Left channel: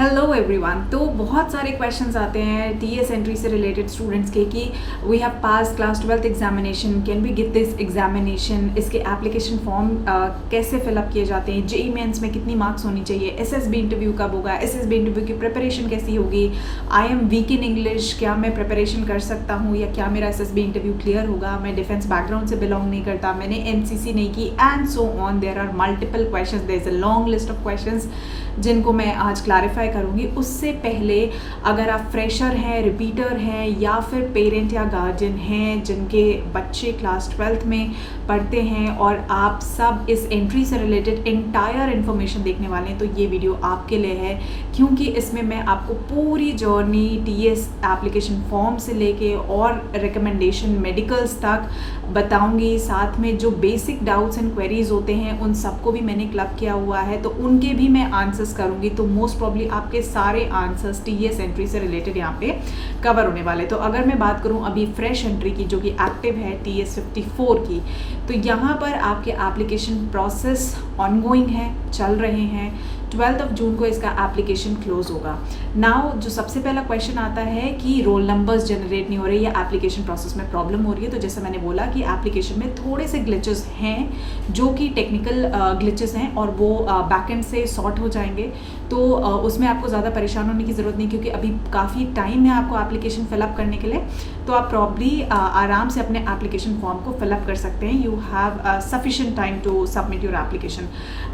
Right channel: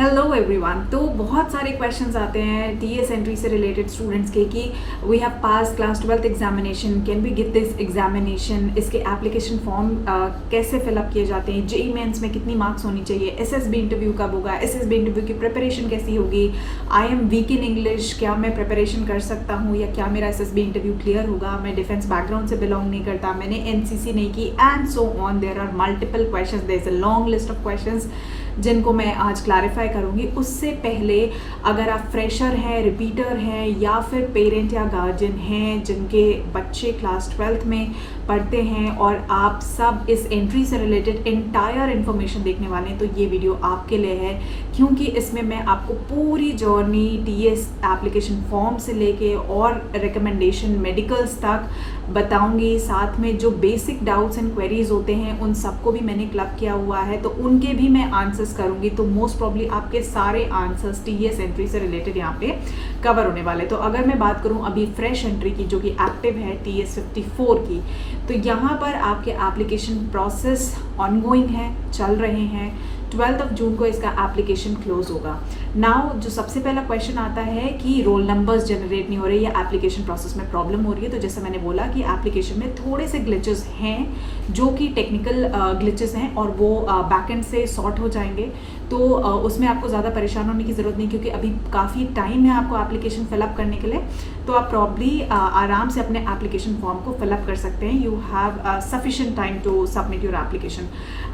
Hello everyone. तो बहुत सारे क्वेश्चंस आते हैं टीएस एंट्री से रिलेटेड स्टूडेंट्स के कि we have pass class 12th examination, can we get this examination, इसके एप्लीकेशन फॉर्म कैसे फिलअप किए जाते हैं, जेई मेंस में कितनी मार्क्स होनी चाहिए, एसएसबी इंटरव्यू कब होगा, एसएसबी इंटरव्यू की प्रिपरेशन कैसी होगी, I am weak in English, क्या मैं प्रिपरेशन कर सकता हूँ या क्या मेरा एसएसबी इंटरव्यू क्लियर होगा, मैं डिफेंस बैकग्राउंड से बिलोंग नहीं करता, मैंने एमसीसी नहीं की, and so on. There are multiple questions, there is a long list of questions जिनको मैं आज क्लैरिफाई करूंगी। उससे पहले अगर आप फ्रेशर हैं, रिपीटर हैं या फिर पेरेंट या गार्जियन हैं जिनके बच्चे क्लास 12th में पढ़ते हैं और आप सब इस एंट्री से रिलेटेड इंटायर इन्फॉर्मेशन देखने वाले हैं, तो ये वीडियो आपके लिए है, क्योंकि इसमें मैं आपको पूरी जर्नी टीएस एप्लीकेशन फॉर्म से लेके और रिकमेंडेशन मेडिकल्स तक बताऊंगी। साथ में जो बेसिक डाउट्स एंड क्वेरीज होते हैं उन सबको भी मैंने क्लब किया हुआ है, तो उनके भी मैं आंसर्स करूंगी। तो मोस्ट प्रॉब्ली आपके सारे आंसर्स टीएस एंट्री से रिलेटेड यहाँ पे कवर होने वाले। तो अगर मैं बात करूँ अभी फ्रेश एंट्री की जो कि एक्टिव है टीएस 54 की, तो यहाँ पर आपके एप्लीकेशन प्रोसेस ऑनगोइंग है, चल रहे हैं। 12 जून को इसका एप्लीकेशन क्लोज होगा। नाउ जो सबसे पहला क्वेश्चन आता है कि रोल नंबर्स जनरेट नहीं हो रहे या एप्लीकेशन प्रोसेस में प्रॉब्लम हो रही है, तो जैसे मैंने बोला कि एप्लीकेशन में थोड़े से ग्लिचेस हैं जो कि टेक्निकल ग्लिचेस हैं और वो बैकएंड से सॉर्ट हो जाएंगे। तो उसमें आपको ज़्यादा परेशान होने की ज़रूरत नहीं, क्योंकि अभी काफ़ी टाइम है आपको एप्लीकेशन फिलअप करने के लिए। तो आप प्रॉब्ली आराम से अपने एप्लीकेशन फॉर्म को फिलअप कर सकते हैं। You have sufficient time to submit your application.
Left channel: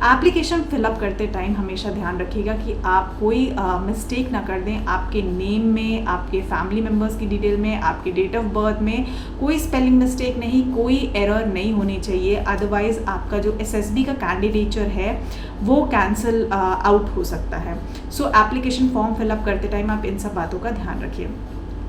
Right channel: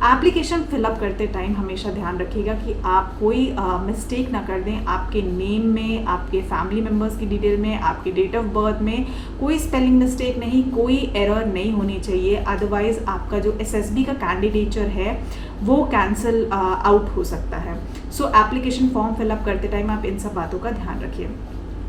Application fill up करते टाइम हमेशा ध्यान रखिएगा कि आप कोई मिस्टेक ना कर दें। आपके नेम में, आपके फैमिली मेम्बर्स की डिटेल में, आपके डेट ऑफ बर्थ में कोई स्पेलिंग मिस्टेक नहीं, कोई एरर नहीं होनी चाहिए। अदरवाइज आपका जो एसएसबी का कैंडिडेचर है वो कैंसिल आउट हो सकता है। सो एप्लीकेशन फॉर्म फिलअप करते टाइम आप इन सब बातों का ध्यान रखिए।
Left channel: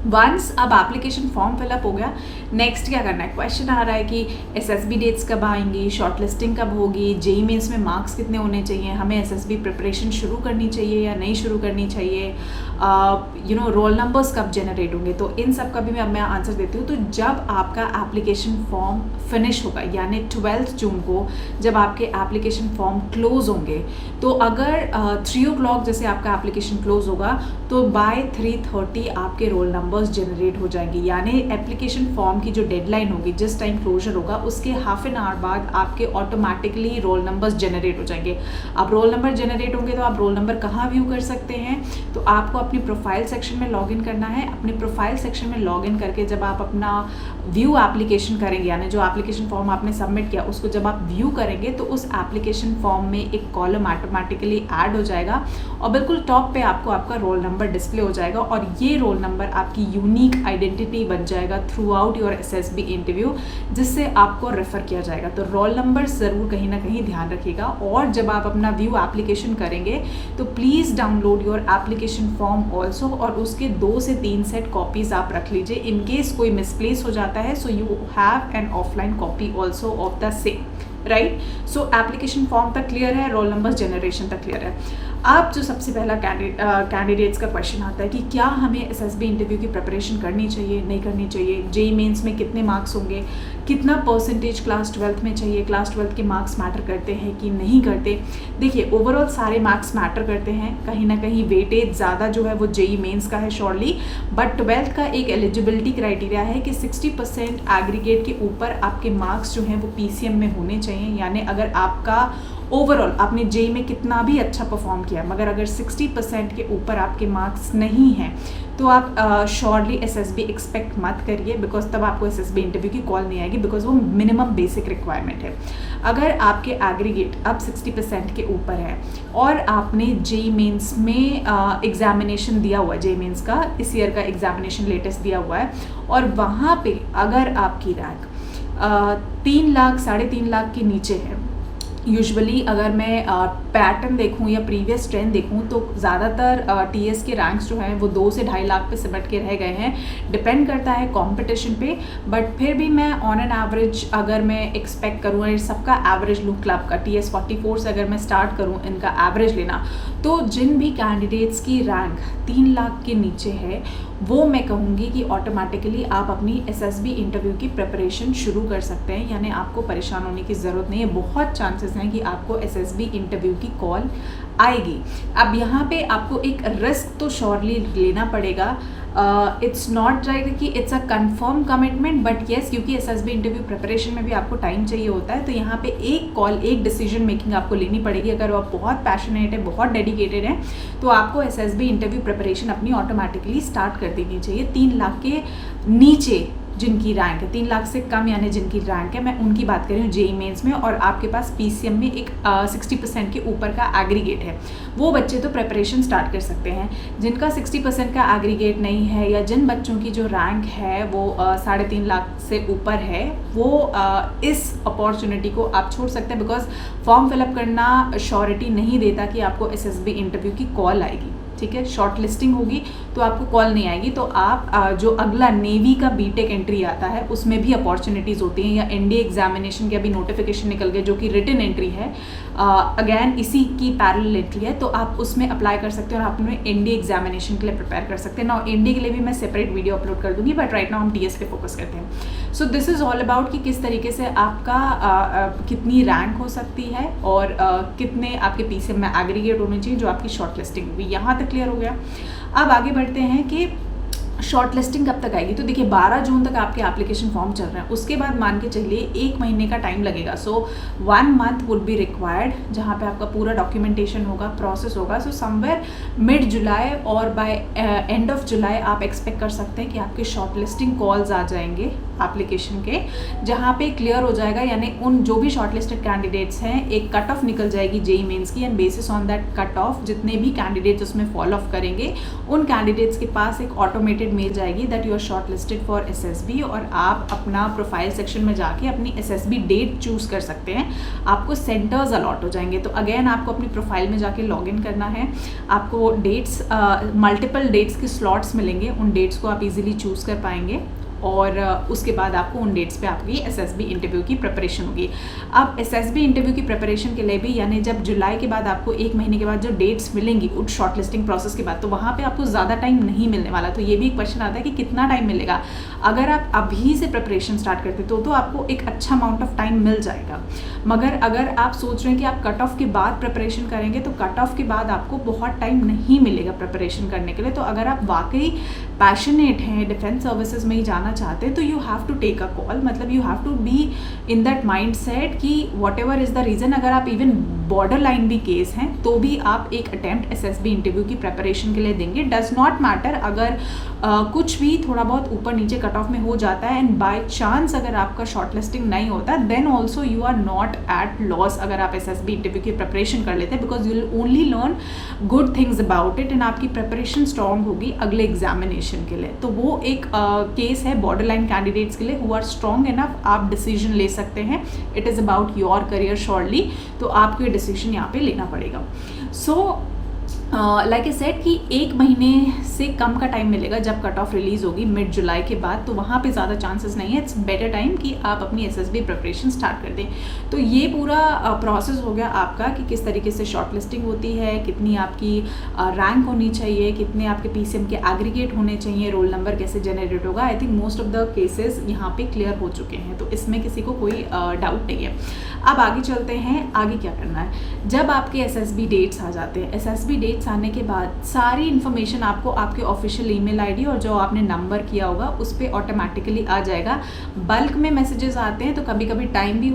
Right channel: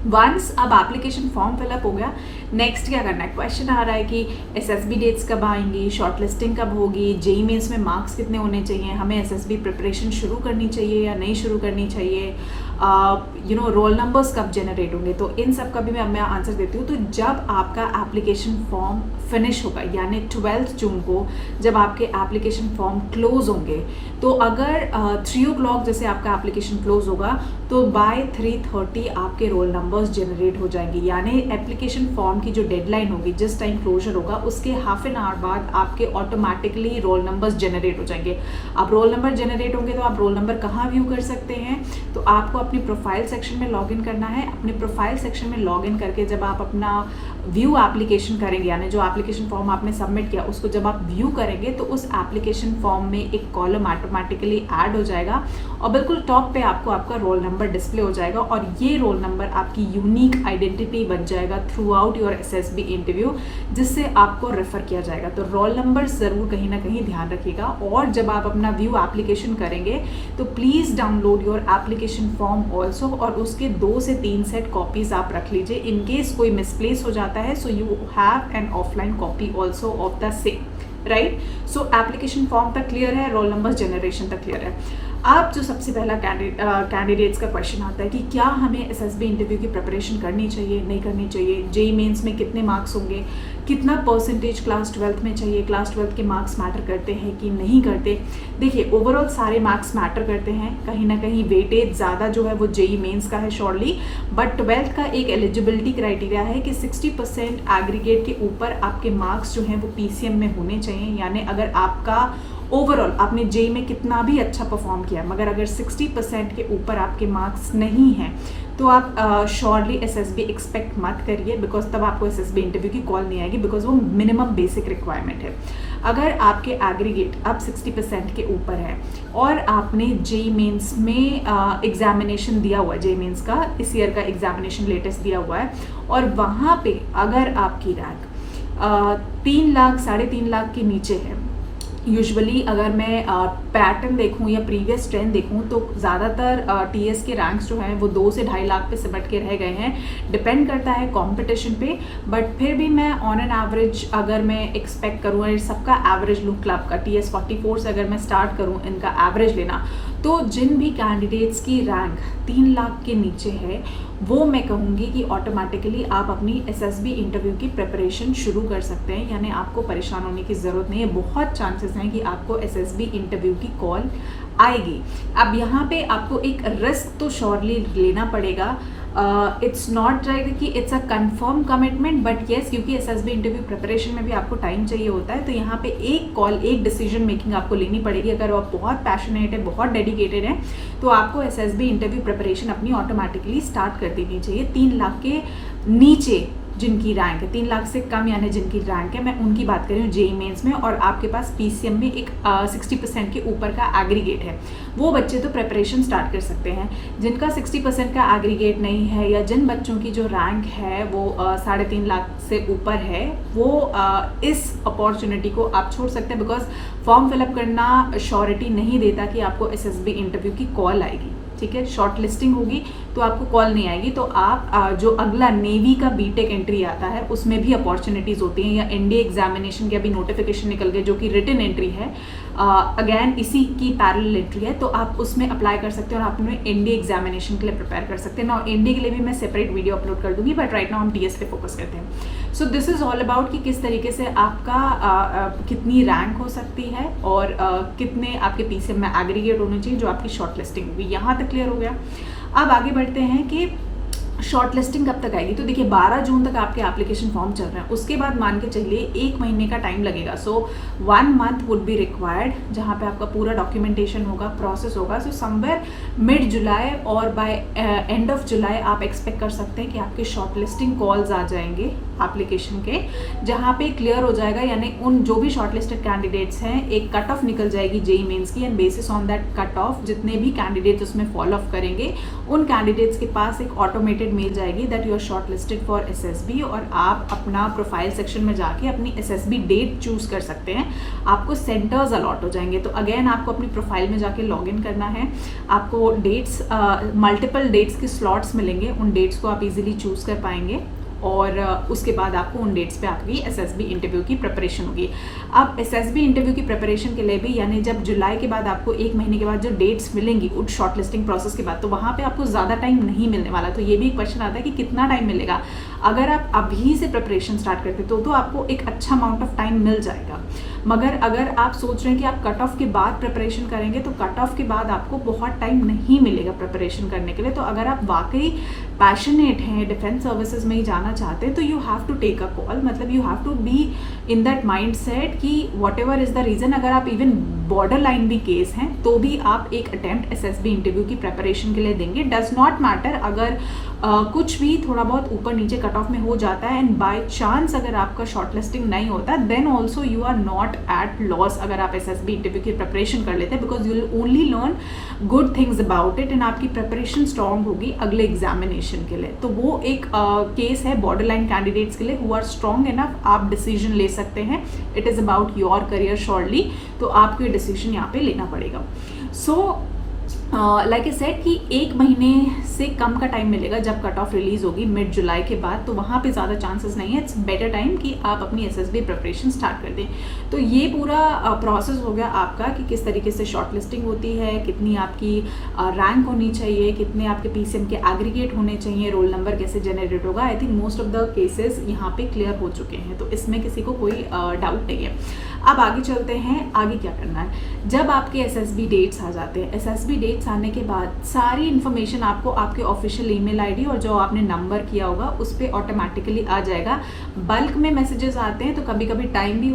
वंस अब एप्लीकेशन फॉर्म फिलअप हो गया, नेक्स्ट क्या करना है। क्वेश्चन आ रहा है कि एसएसबी डेट्स कब आएंगी, शॉर्टलिस्टिंग कब होगी, जेई मेंस में मार्क्स कितने होने चाहिए, हमें एसएसबी प्रिपरेशन शुरू करनी चाहिए या नहीं शुरू करनी चाहिए, रोल नंबर्स कब जनरेट होंगे। तो इन सब का भी मैं आंसर देती हूँ। तो जब आपका एप्लीकेशन फॉर्म फिनिश होगा, यानी 12 जून को जब आपके एप्लीकेशन फॉर्म क्लोज होंगे, तो अगर 3 o'clock जैसे आपका एप्लीकेशन क्लोज होगा तो बाय 3:30 आपके रोल नंबर्स जनरेट हो जाएंगे। यानी एप्लीकेशन फॉर्म की जो डेडलाइन होगी, जिस टाइम क्लोजर होगा उसके हाफ एन आवर बाद आपके ऑटोमेटिकली रोल नंबर्स जनरेट हो जाएंगे। अब रोल नंबर जनरेट होंगे तो आप रोल नंबर कहाँ व्यू कर सकते हैं, तो आपको अपनी प्रोफाइल सेक्शन में लॉगिन करना है। अपने प्रोफाइल सेक्शन में लॉगिन करके जब आप अपना व्यू एप्लीकेशन करेंगे, यानी जो एप्लीकेशन फॉर्म आपने सबमिट किया उसको जब आप व्यू करेंगे, तो उस एप्लीकेशन फॉर्म में एक कॉलम ऑटोमेटिकली ऐड हो जाएगा और बिल्कुल टॉप पे आपको आपका रोल नंबर डिस्प्ले हो जाएगा और ये रोल नंबर आपकी यूनिक आइडेंटिटी बन जाएगा through out your SSB interview, जिससे आपको रेफर किया जाएगा। तो रोल नंबर जरूर कहीं ना कहीं ध्यान रखिएगा। और जब आप अपना व्यू एप्लीकेशन करेंगे तो please download your application form also, और उसके 2 से 3 सेट कॉपीज आप रख लीजिए इन केस कोई मिसप्लेस हो जाता है। So you have an offline copy also of the same, right. So application form तक क्लियर है, रोल नंबर जनरेशन तक क्लियर है। अब जो सबसे पहला कैंडिडेट्स का क्वेश्चन आता है कि क्या हमें एसएसबी इंटरव्यू की प्रिपरेशन करनी चाहिए, नहीं करनी चाहिए, जेई मेंस में कितने मार्क्स होंगे, कितना परसेंटेज क्लास 12th में चाहिए, क्लास 12th के मार्क्स मैटर करते हैं कि नहीं करते। देखिए, ओवरऑल सारे मार्क्स मैटर करते हैं, कहीं ना कहीं वेटेज ज़्यादा जो है वो जेई मेंस का है श्योरली, बट 12th का एक एलिजिबिलिटी क्राइटेरिया है कि 60% एग्रीगेट के ऊपर आपके मार्क्स जो हैं वो पीसीएम में होने चाहिए। यानी अगर आपका ओवरऑल आपने जेई में कितना भी अच्छा परफॉर्म किया, मगर अगर 60% के ऊपर आपके मार्क्स नहीं हैं, तो आप श्योरली एसएसबी एक्सपेक्ट मत करिए, बिकॉज तब आपको एसएसबी इंटरव्यू की कॉल नहीं आएगी, बिकॉज वो मिनिमम बेसिक रिक्वायरमेंट है। अगर आपके एग्रीगेट अब 60% के ऊपर है और आपने जेई मेंस में एग्जामिनेशन दिया हुआ है, जेई मेंस का इस ईयर का एग्जामिनेशन लेटेस्ट दिया हुआ है, और वहाँ पे अगर आपकी रैंक 3 लाख 3.5 लाख के नीचे है, यूजुअली अगर मैं पैटर्न देखूं या प्रीवियस ट्रेंड देखूं तो ज़्यादातर टीएस के रैंक्स जो हैं वो 2 से 2.5 लाख पे सिमट के रह गए हैं। डिपेंड करता है कंपटीशन पे, बट फिर भी मैं ऑन एन एवरेज अगर मैं एक्सपेक्ट करूँ, सबका एवरेज लूँ क्लब का टीएस 44 से अगर मैं स्टार्ट करूँ इनका एवरेज लेना, तो जिन भी कैंडिडेट्स की रैंक 3 लाख के नीचे है वो मैं कहूँगी कि ऑटोमेटिकली आप अपनी एसएसबी इंटरव्यू की प्रिपरेशन शुरू कर सकते हैं, यानी आपको परेशान होने की ज़रूरत नहीं है। बहुत चांसेस हैं कि आपको एसएसबी इंटरव्यू की कॉल आएगी। अब यहाँ पे आपको एक रिस्क तो श्योरली लेना पड़ेगा। इट्स नॉट राइट कि it's a confirm commitment, but yes, क्योंकि एसएसबी इंटरव्यू प्रिपरेशन में भी आपको टाइम चाहिए होता है, तो यहाँ पे एक कॉल, एक डिसीजन मेकिंग आपको लेनी पड़ेगी। अगर आप बहुत पैशनेट है, बहुत डेडिकेटेड है, तो आपको एसएसबी इंटरव्यू प्रिपरेशन अपनी ऑटोमेटिकली स्टार्ट कर देनी चाहिए। 3 लाख के नीचे जिनकी रैंक है, 3 लाख से कम यानी जिनकी रैंक है, मैं उनकी बात कर रही हूँ जेईई मेंस में, और आपके पास पीसीएम में एक 60% के ऊपर का एग्रीगेट है, वो बच्चे तो प्रिपरेशन स्टार्ट कर सकते हैं। जिनका 60% का एग्रीगेट नहीं है, या जिन बच्चों की जो रैंक है वो 3.5 लाख से ऊपर है, वो इस अपॉर्चुनिटी को आप छोड़ सकते हैं, बिकॉज फॉर्म फिलअप करना श्योरिटी नहीं देता कि आपको एसएसबी इंटरव्यू की कॉल आएगी। ठीक है, शॉर्ट लिस्टिंग होगी तो आपको कॉल नहीं आएगी, तो आप जो अगला नेवी का बीटेक एंट्री आता है उसमें भी अपॉर्चुनिटीज़ होती हैं, या एनडीए एग्जामिनेशन के अभी नोटिफिकेशन निकल गए जो कि रिटन एंट्री है, अगेन इसी की पैरेलल एंट्री है, तो आप उसमें अप्लाई कर सकते हो और आप अपने एनडीए एग्जामिनेशन के लिए प्रिपेयर कर सकते हैं ना। एनडीए के लिए भी मैं सेपरेट वीडियो अपलोड कर दूंगी, बट राइट नाउ हम टीएस पे फोकस करते हैं। So this is all about कि किस तरीके से आपका कितनी रैंक हो सकती है, और कितने आपके पीसीएम में एग्रीगेट होने चाहिए जो आपकी शॉर्ट लिस्टिंग होगी। यहाँ तक क्लियर हो गया। अब आगे बढ़ते हैं कि शॉर्ट लिस्टिंग कब तक आएगी। तो देखिए 12 जून तक आपके एप्लीकेशन फॉर्म चल रहे हैं, उसके बाद मान के चलिए 1 महीने का टाइम लगेगा। सो 1 मंथ वुड बी रिक्वायर्ड, जहाँ पे आपका पूरा डॉक्यूमेंटेशन होगा, प्रोसेस होगा। सो समवेयर मिड जुलाई और बाय एंड ऑफ जुलाई आप एक्सपेक्ट कर सकते हैं कि आपके शॉर्ट लिस्टिंग कॉल्स आ जाएंगे एप्लीकेशन के, जहाँ पे क्लियर हो जाएगा, यानी उन जो भी शॉर्ट लिस्टेड कैंडिडेट्स हैं एक कट ऑफ निकल जाएगी जेईई मेंस की, and bases on that cut off जितने भी कैंडिडेट्स उसमें फॉलो अप करेंगे उन कैंडिडेट्स के पास एक ऑटोमेटेड मेल जाएगी that you are shortlisted for SSB, और आप अपना प्रोफाइल सेक्शन में जाके अपनी एसएसबी डेट चूज कर सकते हैं। आपको सेंटर्स अलॉट हो जाएंगे, तो अगेन आपको अपनी प्रोफाइल में जाके लॉगिन करना है। आपको डेट्स, मल्टीपल डेट्स के स्लॉट्स मिलेंगे, उन डेट्स को आप इजीली चूज कर पाएंगे, और उसके बाद आपको उन डेट्स पे आपकी एसएसबी इंटरव्यू की प्रिपरेशन होगी। अब एसएसबी इंटरव्यू की प्रिपरेशन के लिए भी, यानी जब जुलाई के बाद आपको 1 महीने के बाद जो डेट्स मिलेंगी उस शॉर्टलिस्टिंग प्रोसेस के बाद, तो वहाँ पे आपको ज़्यादा टाइम नहीं मिलने वाला। तो ये भी एक क्वेश्चन आता है कि कितना टाइम मिलेगा। अगर आप अभी से प्रिपरेशन स्टार्ट करते तो आपको एक अच्छा अमाउंट ऑफ टाइम मिल जाएगा, मगर अगर आप सोच रहे हैं कि आप कट ऑफ के बाद प्रिपरेशन करेंगे तो कट ऑफ के बाद आपको बहुत टाइम नहीं मिलेगा प्रिपरेशन करने के लिए। तो अगर आप वाकई पैशनेट हैं, डिफेंस सर्विसेज में ही जाना चाहते हैं, तो you have to take a call, मतलब you have to be in that mindset कि whatever is the reason, अगर आप इवन बॉर्डर लाइन भी केस हैं तो भी आप एक अटेम्प्ट एसएसबी इंटरव्यू की प्रिपरेशन के लिए देंगे। डज नॉट मैटर अगर कुछ भी थोड़ा बहुत ऊपर नीचे कट ऑफ में हो जाता है, एंड बाय चांस अगर आपका शॉर्ट लिस्टिंग नहीं होता, then also you are not at loss अगर आप एसएसबी इंटरव्यू की प्रिपरेशन कर लेते हैं, because you will only learn good things about it, and आपकी प्रिपरेशन स्ट्रॉन्ग होगी अगले एग्जामिनेशन के लिए। तो वो एक केस है बॉर्डर लाइन कैंडिडेट्स के लिए हु आर स्ट्रॉन्ग इनफ, आप डिसीजन ले सकते हैं। It is about your career shortly, तो आपको ये डिसीजन यहाँ पे लेना पड़ेगा। सो लाइक ए सेट कि 1 महीने से कम का टाइम मिलेगा जब कट ऑफ रिलीज होगी मिड जुलाई के बाद, तो वहाँ पे ज़्यादा चांसेस नहीं है। इट्स बेटर टाइम कि आप अपनी एसएसबी प्रिपरेशन स्टार्ट कर दें। तो ये पूरा प्रोसेस हो गया आपका कि किस तरीके से शॉर्ट लिस्टिंग होती है, कितनी आपकी रैंक होनी चाहिए, कितने आपके पीसीएम के एग्रीगेट होने चाहिए, रोल नंबर कैसे जनरेट होगा। I think most of the cases यहाँ पे क्लियर हो चुके हैं, तो इसमें किसी को कोई डाउट नहीं है। अब आगे चलते हैं, आगे क्या करना है। जब आपके एसएसबी डेट्स आ जाते हैं, एसएसबी डेट्स आने के बाद सारी इन्फॉर्मेशन आपको आपके ऑफिशियल ईमेल आईडी और जो आपने नंबर किया होगा उस पर ऑटोमेटिकली आ जाएगा। बल्क में मैसेजेस आते हैं तो कभी कभी टाइम भी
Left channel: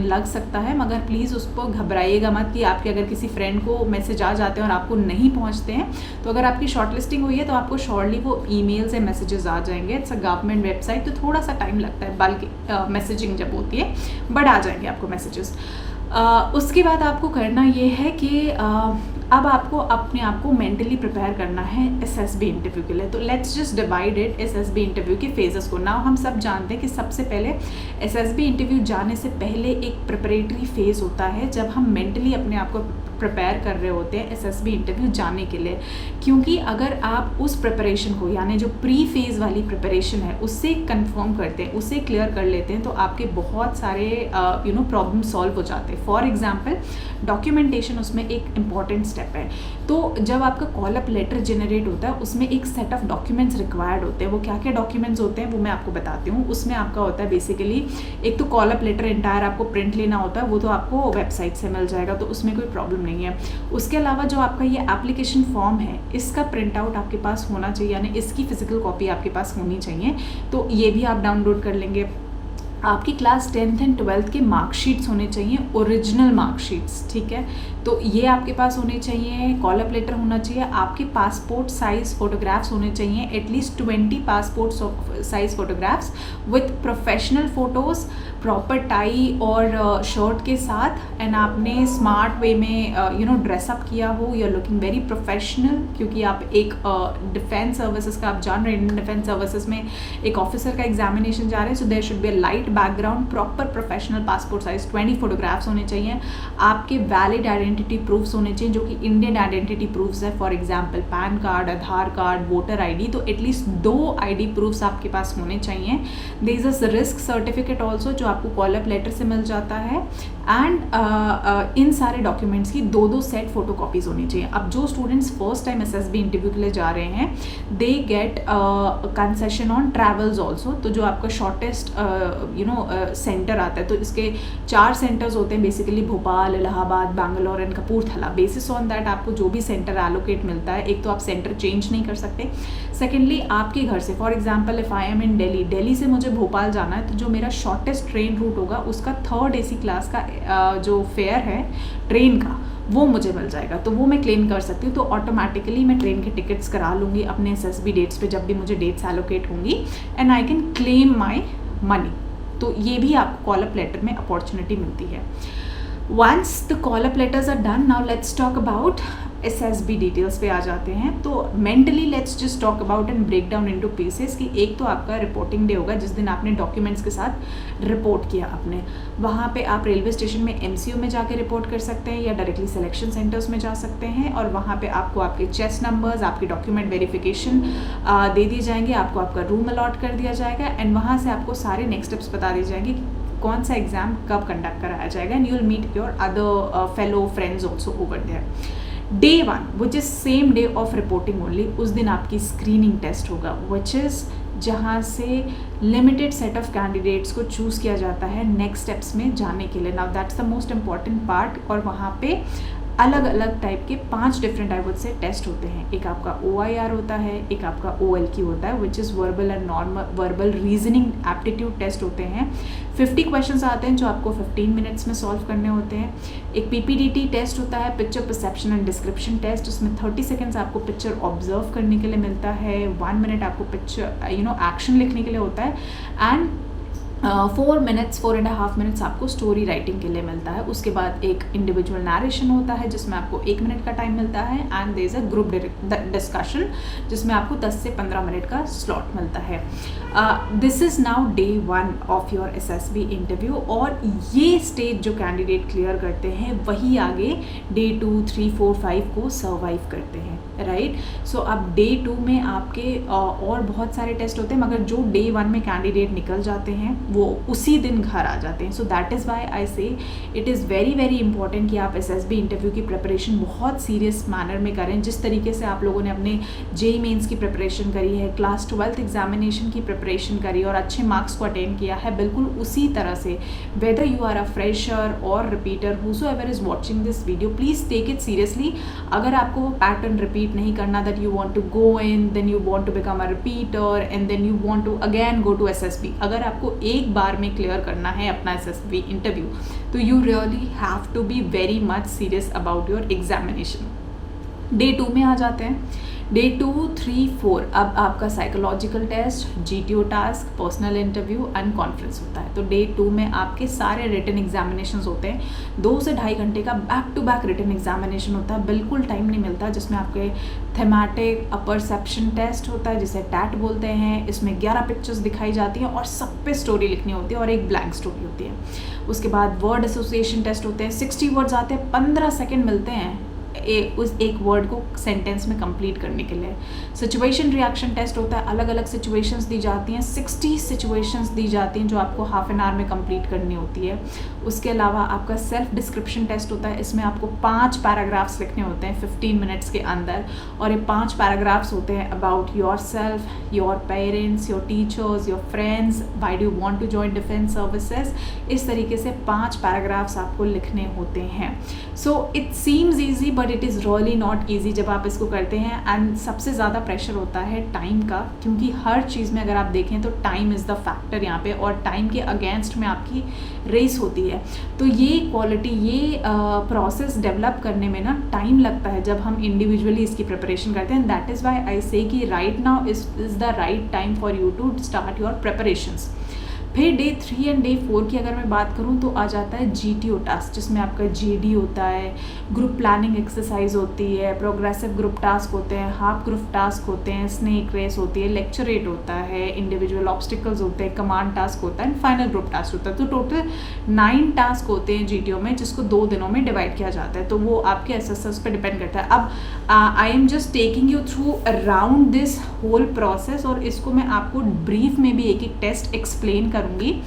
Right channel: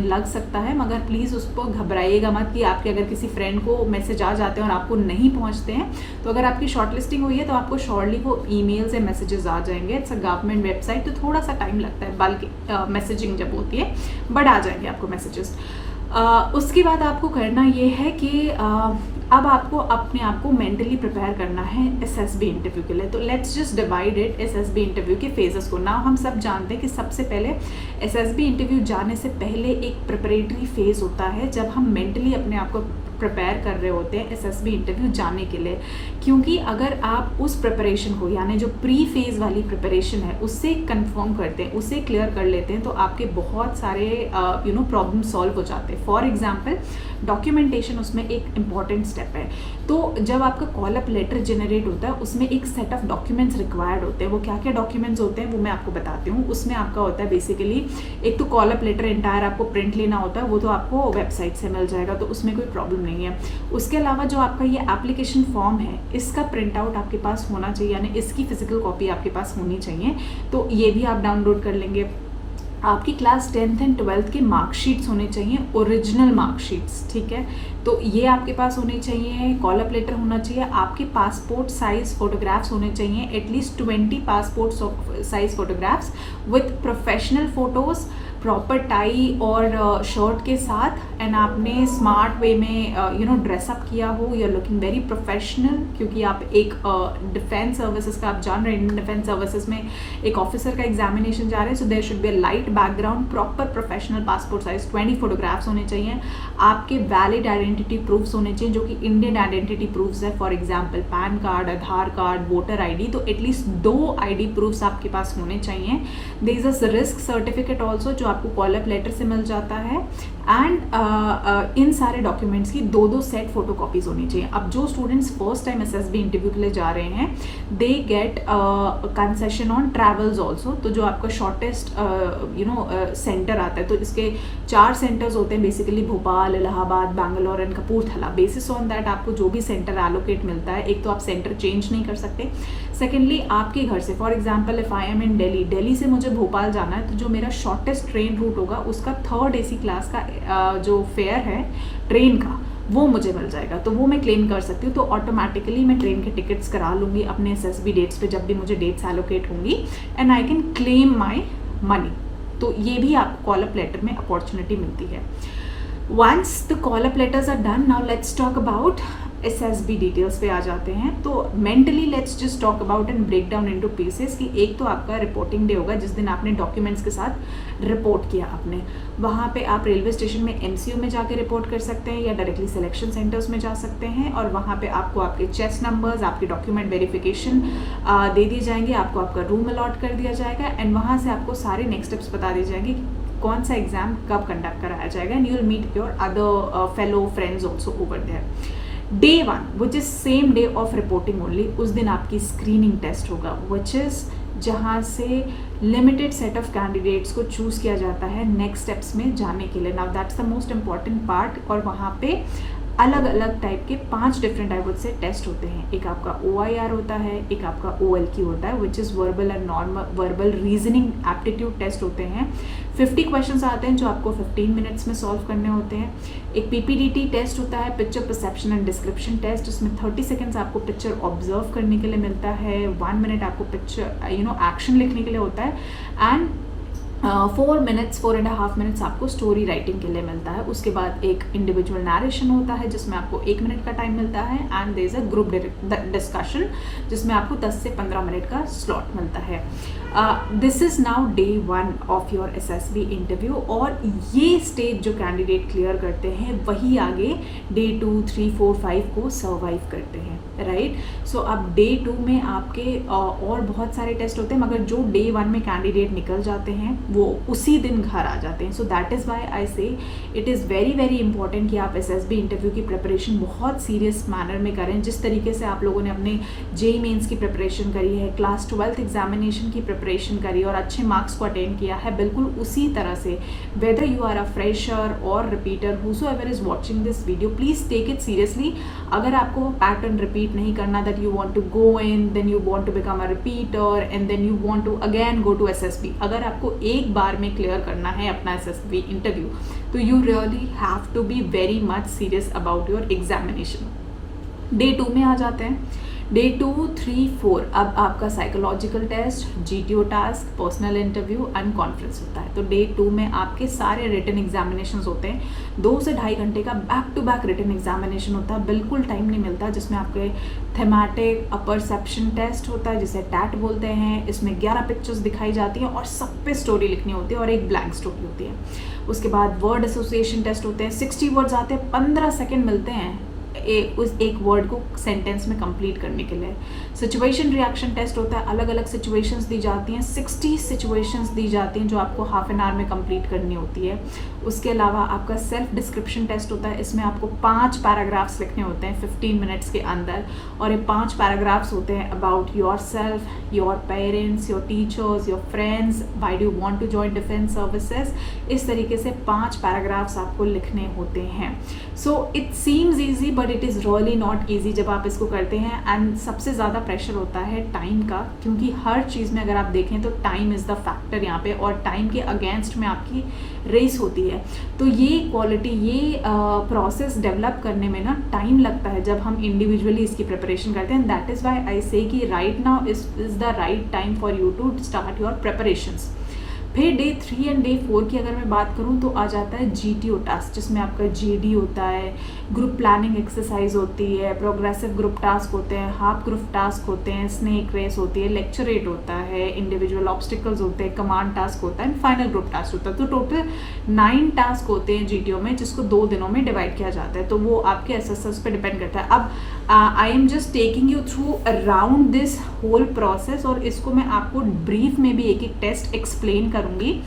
लग सकता है, मगर प्लीज़ उसको घबराइएगा मत कि आपके अगर किसी फ्रेंड को मैसेज आ जाते हैं और आपको नहीं पहुंचते हैं, तो अगर आपकी शॉर्ट लिस्टिंग हुई है तो आपको शॉर्टली वो ईमेल से मैसेजेस आ जाएंगे। इट्स अ गवर्नमेंट वेबसाइट, तो थोड़ा सा टाइम लगता है बल्क मैसेजिंग जब होती है, बट आ जाएंगे आपको मैसेजेस। उसके बाद आपको करना ये है कि अब आपको अपने आप को मेंटली प्रिपेयर करना है एसएसबी इंटरव्यू के लिए। तो let's just divide it SSB interview के फेजेस को। नाउ हम सब जानते हैं कि सबसे पहले एसएसबी इंटरव्यू जाने से पहले एक प्रिपरेटरी फेज होता है, जब हम मेंटली अपने आप को प्रिपेयर कर रहे होते हैं एसएसबी इंटरव्यू जाने के लिए। क्योंकि अगर आप उस प्रिपरेशन को, यानी जो प्री फेज वाली प्रिपरेशन है, उससे कंफर्म करते हैं, उससे क्लियर कर लेते हैं, तो आपके बहुत सारे प्रॉब्लम सॉल्व हो जाते हैं। फॉर एग्जाम्पल डॉक्यूमेंटेशन उसमें एक इम्पॉर्टेंट स्टेप है। तो जब आपका कॉल अप लेटर जनरेट होता है उसमें एक सेट ऑफ डॉक्यूमेंट्स रिक्वायर्ड होते हैं। वो क्या क्या डॉक्यूमेंट्स होते हैं वो मैं आपको बताती हूँ। उसमें आपका होता है बेसिकली एक तो कॉल अप लेटर एंटायर आपको प्रिंट लेना होता है, वो तो आपको वेबसाइट से मिल जाएगा, तो उसमें कोई प्रॉब्लम नहीं है। उसके अलावा जो आपका ये एप्लीकेशन फॉर्म है इसका प्रिंट आउट आपके पास होना चाहिए, यानी इसकी फिजिकल कॉपी आपके पास होनी चाहिए, तो ये भी आप डाउनलोड कर लेंगे। आपकी क्लास 10th एंड 12th के मार्कशीट्स होने चाहिए, ओरिजिनल मार्कशीट्स, ठीक है, तो ये आपके पास होने चाहिए। कॉल अप लेटर होना चाहिए, आपके पासपोर्ट साइज फोटोग्राफ्स होने चाहिए, at least 20 passport size photographs with professional photos, proper tie और शर्ट के साथ, एंड आपने स्मार्ट वे में ड्रेसअप किया हो, you are looking very professional, क्योंकि आप एक डिफेंस सर्विसेज का आप जान रहे हैं, इंडियन डिफेंस सर्विसेज में एक ऑफिसर का एग्जामिनेशन जा रहे हैं, so there should be a light background, proper professional passport size 20 photographs होने चाहिए। आपके वैलिड आइडेंटिटी प्रूफ्स होने चाहिए जो कि इंडियन आइडेंटिटी प्रूफ्स है, for example PAN card, Aadhaar card, voter ID, तो एटलीस्ट 2 ID प्रूफ्स आपके पास होने चाहिए। There is a risk certificate also जो आपको कॉल अप लेटर से मिल जाता है, एंड इन सारे डॉक्यूमेंट्स की 2-2 सेट फोटो कॉपीज होनी चाहिए। अब जो students first time SSB interview के लिए जा रहे हैं they get concession on travels also, तो जो आपका शॉर्टेस्ट सेंटर आता है, तो इसके 4 सेंटर्स होते हैं basically, Bhopal, Allahabad, Bangalore and Kapurthala. Basis on that आपको जो भी सेंटर एलोकेट मिलता है, एक तो आप सेंटर चेंज नहीं कर सकते, सेकेंडली आपके घर से, for example if I am in Delhi से मुझे भोपाल जाना है, तो जो मेरा शॉर्टेस्ट ट्रेन रूट होगा उसका 3rd AC क्लास का जो फेयर है ट्रेन का वो मुझे मिल जाएगा, तो वो मैं क्लेम कर सकती हूँ। तो ऑटोमेटिकली मैं ट्रेन के टिकट्स करा लूँगी अपने SSB डेट्स पे जब भी मुझे डेट्स एलोकेट होंगी, and I can claim my money. तो ये भी आपको कॉल अप लेटर में अपॉर्चुनिटी मिलती है। Once the call up letters are done, now let's talk about SSB details पे आ जाते हैं। तो mentally let's just talk about and break down into pieces कि एक तो आपका रिपोर्टिंग डे होगा जिस दिन आपने डॉक्यूमेंट्स के साथ रिपोर्ट किया आपने, वहाँ पे आप रेलवे स्टेशन में MCO में जाके रिपोर्ट कर सकते हैं या डायरेक्टली सिलेक्शन सेंटर्स में जा सकते हैं, और वहाँ पे आपको आपके चेस्ट नंबर्स, आपके डॉक्यूमेंट वेरिफिकेशन दे दिए जाएंगे, आपको आपका रूम अलॉट कर दिया जाएगा, एंड वहाँ से आपको सारे नेक्स्ट स्टेप्स बता दिए जाएंगे कौन सा एग्जाम कब कंडक्ट कराया जाएगा, and you will meet your other fellow friends also over there. Day 1 which is same day of reporting only, उस दिन आपकी स्क्रीनिंग टेस्ट होगा, which is जहाँ से लिमिटेड सेट ऑफ कैंडिडेट्स को चूज़ किया जाता है नेक्स्ट स्टेप्स में जाने के लिए। Now that's the most important part, और वहाँ पे अलग अलग टाइप के 5 डिफरेंट टाइप से टेस्ट होते हैं। एक आपका OIR होता है, एक आपका OLQ होता है which is verbal and normal verbal reasoning aptitude test होते हैं। 50 क्वेश्चंस आते हैं जो आपको 15 मिनट्स में सॉल्व करने होते हैं। एक PPDT टेस्ट होता है, picture perception and description test, उसमें 30 सेकेंड्स आपको पिक्चर ऑब्जर्व करने के लिए मिलता है, 1 मिनट आपको पिक्चर एक्शन लिखने के लिए होता है, एंड 4.5 मिनट्स आपको स्टोरी राइटिंग के लिए मिलता है। उसके बाद एक इंडिविजुअल नरेशन होता है जिसमें आपको 1 मिनट का टाइम मिलता है, and there is a group discussion जिसमें आपको 10 से 15 मिनट का स्लॉट मिलता है। This is now Day 1 of your SSB interview, और ये स्टेज जो कैंडिडेट क्लियर करते हैं वही आगे Day 2, 3, 4, 5 को सर्वाइव करते हैं, राइट। सो अब Day 2 में आपके और बहुत सारे टेस्ट होते हैं, मगर जो Day 1 में कैंडिडेट निकल जाते हैं वो उसी दिन घर आ जाते हैं। So that is why I से it is very very important कि आप SSB इंटरव्यू की प्रिपरेशन बहुत सीरियस मैनर में करें। जिस तरीके से आप लोगों ने अपने JEE मेंस की प्रिपरेशन करी है, क्लास 12th एग्जामिनेशन की प्रिपरेशन करी और अच्छे मार्क्स को अटेंड किया है, बिल्कुल उसी तरह से whether you are a fresher और repeater, whosoever is watching this video, please take it seriously. अगर आपको पैटर्न रिपीट नहीं करना, that you want to go in, then you want to become a repeater, and then you want to again go to SSB, अगर आपको एक बार में clear करना है अपना SSB इंटरव्यू, तो you really have to be very much serious about your examination. Day 2 में आ जाते हैं। Day 2, 3, 4 अब आपका psychological test, GTO task, personal interview and conference होता है। तो Day 2 में आपके सारे रिटन एग्जामिनेशंस होते हैं। 2 से 2.5 घंटे का back to back written examination होता है, बिल्कुल टाइम नहीं मिलता, जिसमें आपके थेमेटिक परसेप्शन टेस्ट होता है जिसे टैट बोलते हैं। इसमें 11 पिक्चर्स दिखाई जाती हैं और सब पे स्टोरी लिखनी होती है और एक ब्लैंक स्टोरी होती है। उसके बाद वर्ड एसोसिएशन टेस्ट होते हैं, 60 वर्ड्स आते हैं, 15 सेकेंड मिलते हैं उस एक वर्ड को सेंटेंस में कंप्लीट करने के लिए। सिचुएशन रिएक्शन टेस्ट होता है, अलग अलग सिचुएशंस दी जाती हैं, 60 सिचुएशंस दी जाती हैं जो आपको हाफ एन आवर में कंप्लीट करनी होती है। उसके अलावा आपका सेल्फ डिस्क्रिप्शन टेस्ट होता है, इसमें आपको 5 पैराग्राफ्स लिखने होते हैं 15 मिनट्स के अंदर, और ये 5 पैराग्राफ्स होते हैं about yourself, your parents, your teachers, your friends, why do you want to join defence services. इस तरीके से 5 पैराग्राफ्स आपको लिखने होते हैं। So it seems easy but it is really not easy जब आप इसको करते हैं। एंड सबसे ज़्यादा प्रेशर होता है टाइम का, क्योंकि हर चीज़ में अगर आप देखें तो टाइम इज़ द फैक्टर यहाँ पे, और टाइम के अगेंस्ट में आपकी रेस होती है। तो ये क्वालिटी, ये प्रोसेस डेवलप करने में ना टाइम लगता है जब हम इंडिविजुअली इसकी प्रिपरेशन करते हैं। That is why I say कि right now is the right time for you to start your preparations. फिर डे 3 एंड डे 4 की अगर मैं बात करूं तो आ जाता है GTO टास्क, जिसमें आपका GD होता है, ग्रुप प्लानिंग एक्सरसाइज होती है, प्रोग्रेसिव ग्रुप टास्क होते हैं, हाफ ग्रुप टास्क होते हैं, स्नेक रेस होती है, लेक्चरेट होता है, इंडिविजुअल ऑब्स्टिकल्स होते हैं, कमांड टास्क होता है, फाइनल ग्रुप टास्क होता है। तो टोटल 9 टास्क होते हैं GTO में, जिसको 2 दिनों में डिवाइड किया जाता है। तो वो आपके SSS पे डिपेंड करता है। अब I am just taking you through around this whole process, और इसको मैं आपको ब्रीफ में भी एक एक टेस्ट एक्सप्लेन करूंगी।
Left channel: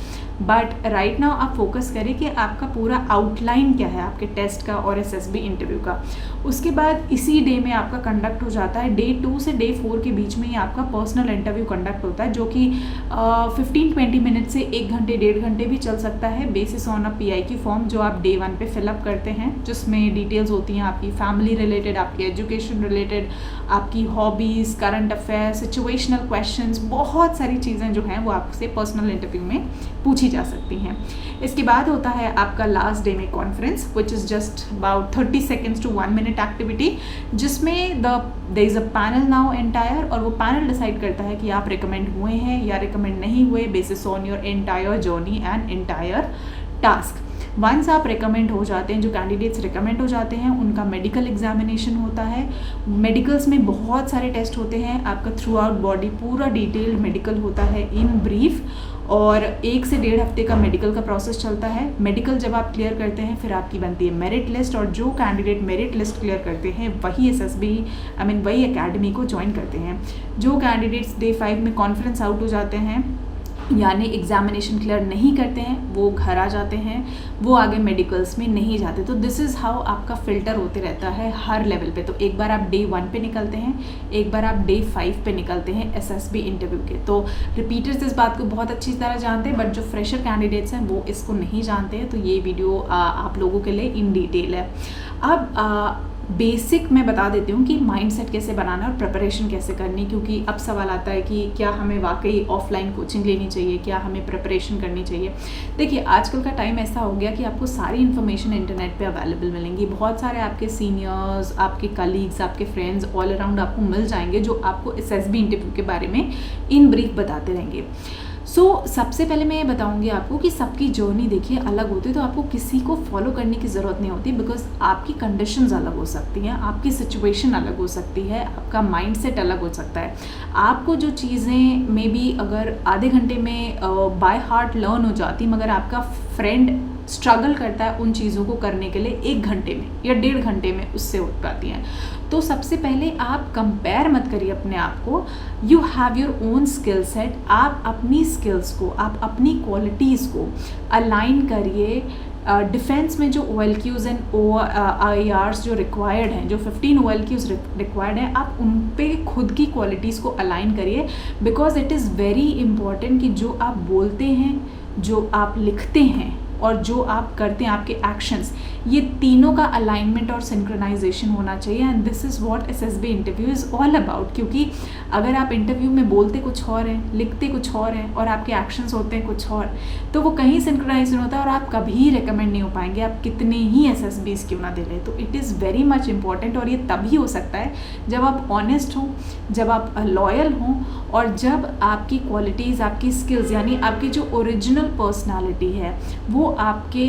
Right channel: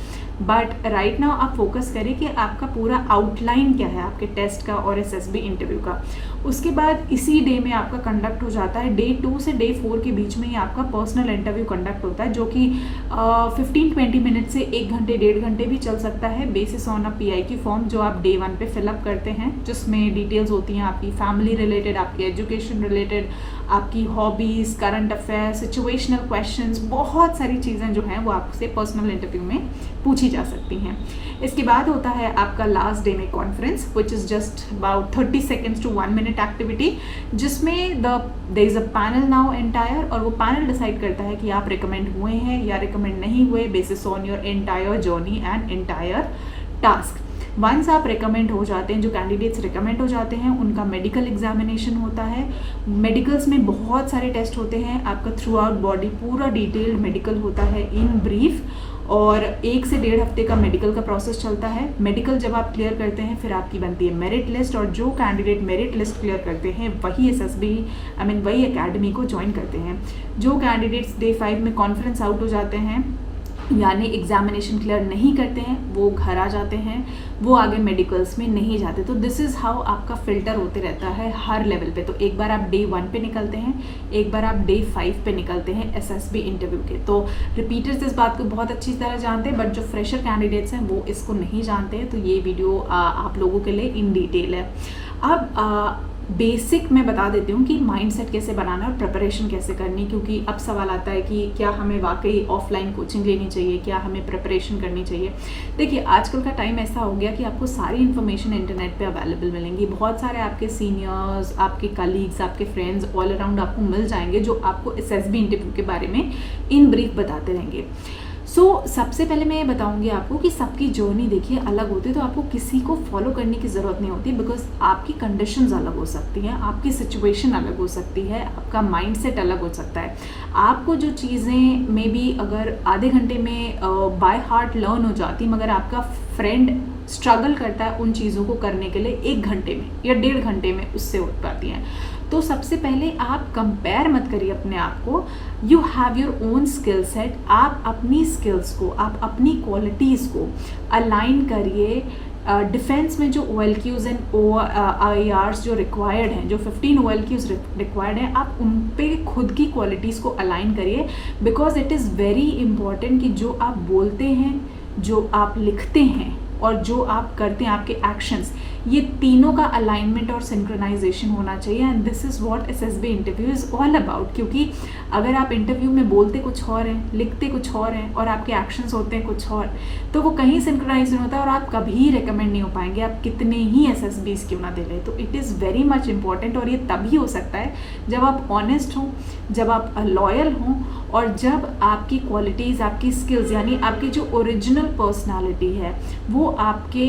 बट राइट नाउ आप फोकस करें कि आपका पूरा आउटलाइन क्या है आपके टेस्ट का और SSB इंटरव्यू का। उसके बाद इसी डे में आपका कंडक्ट हो जाता है, डे 2 से डे 4 के बीच में ही आपका पर्सनल इंटरव्यू कंडक्ट होता है, जो कि 15-20 मिनट से 1 घंटे 1.5 घंटे भी चल सकता है, बेसिस ऑन अ PI की फॉर्म जो आप डे 1 पे फिलअप करते हैं, जिसमें डिटेल्स होती हैं आपकी फैमिली रिलेटेड, आपकी एजुकेशन रिलेटेड, आपकी hobbies, current affairs, situational questions, बहुत सारी चीज़ें जो हैं वो आपसे पर्सनल इंटरव्यू में पूछी जा सकती हैं। इसके बाद होता है आपका लास्ट डे में conference, which is just about 30 seconds to 1 minute activity, जिसमें there is a panel now entire, और वो पैनल डिसाइड करता है कि आप रिकमेंड हुए हैं या रिकमेंड नहीं हुए basis on your entire journey and entire task. Once आप रिकमेंड हो जाते हैं, जो कैंडिडेट्स रिकमेंड हो जाते हैं, उनका मेडिकल एग्जामिनेशन होता है। मेडिकल्स में बहुत सारे टेस्ट होते हैं, आपका थ्रू आउट बॉडी पूरा डिटेल्ड मेडिकल होता है इन ब्रीफ, और 1 से 1.5 हफ्ते का मेडिकल का प्रोसेस चलता है। मेडिकल जब आप क्लियर करते हैं फिर आपकी बनती है मेरिट लिस्ट, और जो कैंडिडेट मेरिट लिस्ट क्लियर करते हैं वही SSB वही एकेडमी को ज्वाइन करते हैं। जो कैंडिडेट्स डे 5 में कॉन्फ्रेंस आउट हो जाते हैं, यानी एग्जामिनेशन क्लियर नहीं करते हैं, वो घर आ जाते हैं, वो आगे मेडिकल्स में नहीं जाते। तो दिस इज़ हाउ आपका फिल्टर होते रहता है हर लेवल पे। तो एक बार आप डे 1 पे निकलते हैं, एक बार आप डे 5 पे निकलते हैं SSB इंटरव्यू के। तो रिपीटर्स इस बात को बहुत अच्छी तरह जानते हैं, बट जो फ्रेशर कैंडिडेट्स हैं वो इसको नहीं जानते हैं। तो ये वीडियो आप लोगों के लिए इन डिटेल है। अब बेसिक मैं बता देती हूँ कि माइंडसेट कैसे बनाना और प्रिपरेशन कैसे करनी, क्योंकि अब सवाल आता है कि क्या हमें वाकई ऑफलाइन कोचिंग लेनी चाहिए, क्या हमें प्रिपरेशन करनी चाहिए। देखिए आजकल का टाइम ऐसा हो गया कि आपको सारी इन्फॉर्मेशन इंटरनेट पे अवेलेबल मिलेंगी। बहुत सारे आपके सीनियर्स, आपके कलीग्स, आपके फ्रेंड्स ऑल अराउंड आपको मिल जाएंगे जो आपको SSB इंटरव्यू के बारे में इन ब्रीफ बताते रहेंगे। सबसे पहले मैं ये बताऊंगी आपको कि सबकी जर्नी देखिए अलग होती है, तो आपको किसी को फॉलो करने की ज़रूरत नहीं होती, बिकॉज आपकी कंडीशंस अलग हो सकती हैं, आपकी सिचुएशन अलग हो सकती है, आपका माइंडसेट अलग हो सकता है। आपको जो चीज़ें मे बी अगर आधे घंटे में बाय हार्ट लर्न हो जाती, मगर आपका फ्रेंड स्ट्रगल करता है उन चीज़ों को करने के लिए 1 घंटे में या 1.5 घंटे में उससे उठ पाती हैं। तो सबसे पहले आप कंपेयर मत करिए अपने आप को, you have your own skill set. आप अपनी स्किल्स को, आप अपनी क्वालिटीज़ को अलाइन करिए। डिफेंस में जो OLQs एंड IRs जो रिक्वायर्ड हैं, जो 15 OLQs रिक्वायर्ड हैं, आप उन पे खुद की क्वालिटीज़ को अलाइन करिए, because it is very important कि जो आप बोलते हैं, जो आप लिखते हैं और जो आप करते हैं, आपके एक्शंस, ये तीनों का अलाइनमेंट और सिंक्रोनाइजेशन होना चाहिए। And this is what SSB interview is all about. क्योंकि अगर आप इंटरव्यू में बोलते कुछ और हैं, लिखते कुछ और हैं, और आपके एक्शंस होते हैं कुछ और, तो वो कहीं सिंक्रोनाइजेशन होता है और आप कभी रिकमेंड नहीं हो पाएंगे, आप कितने ही SSBs क्यों ना दे रहे। तो it is very much important, और ये तभी हो सकता है जब आप ऑनेस्ट हों, जब आप लॉयल हों, और जब आपकी क्वालिटीज़, आपकी स्किल्स, यानी आपकी जो ओरिजिनल पर्सनालिटी है वो आपके